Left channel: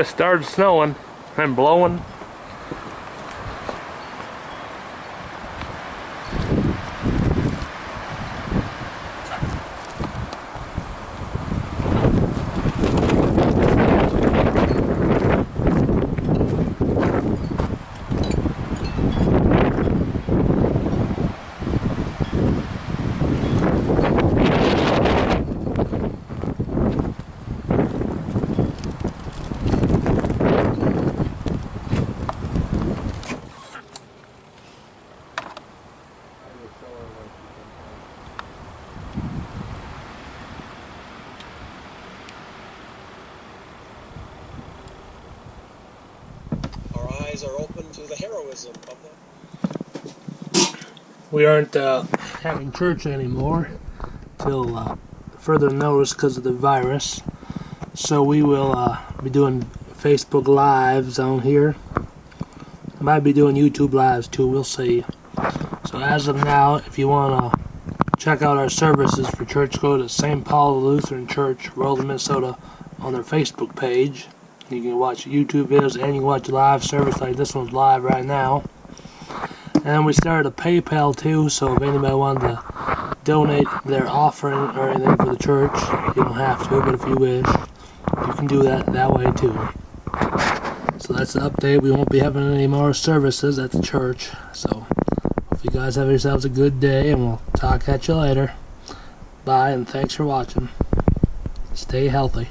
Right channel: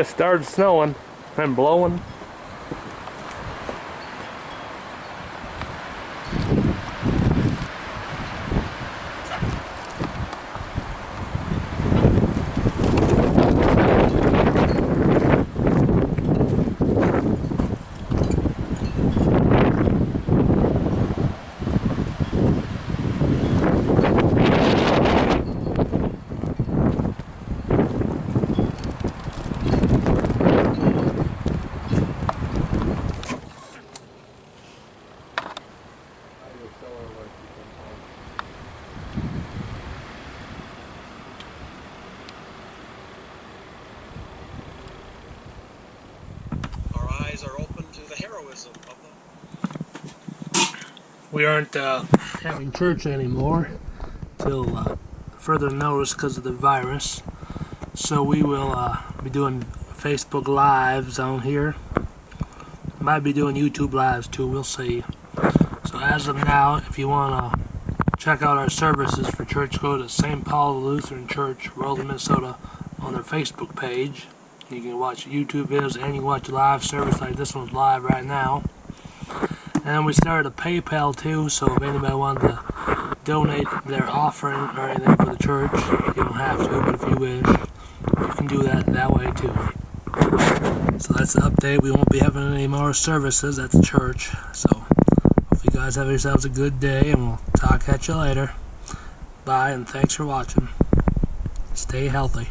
just started snowing and blowing. Are open to the heroism of the... We aren't having church anymore till further notice because of the virus. So we will be doing Facebook Lives on here. Might be doing YouTube Lives too, we'll see. So as of now, if you want to check out our services for church, go to St. Paul Lutheran Church, Weldon, Minnesota on their Facebook page. You can watch YouTube videos and you can watch a live service like this one's live right now. And we started a PayPal too, so if anybody wanted to donate their offering or anything for the church, you don't have to, but if you wish, you can do that way too. So that's the update. We won't be having any more services at the church. So hope you guys have yourselves a good day, and we'll talk at you later. Bye, and thanks for watching. Stay healthy.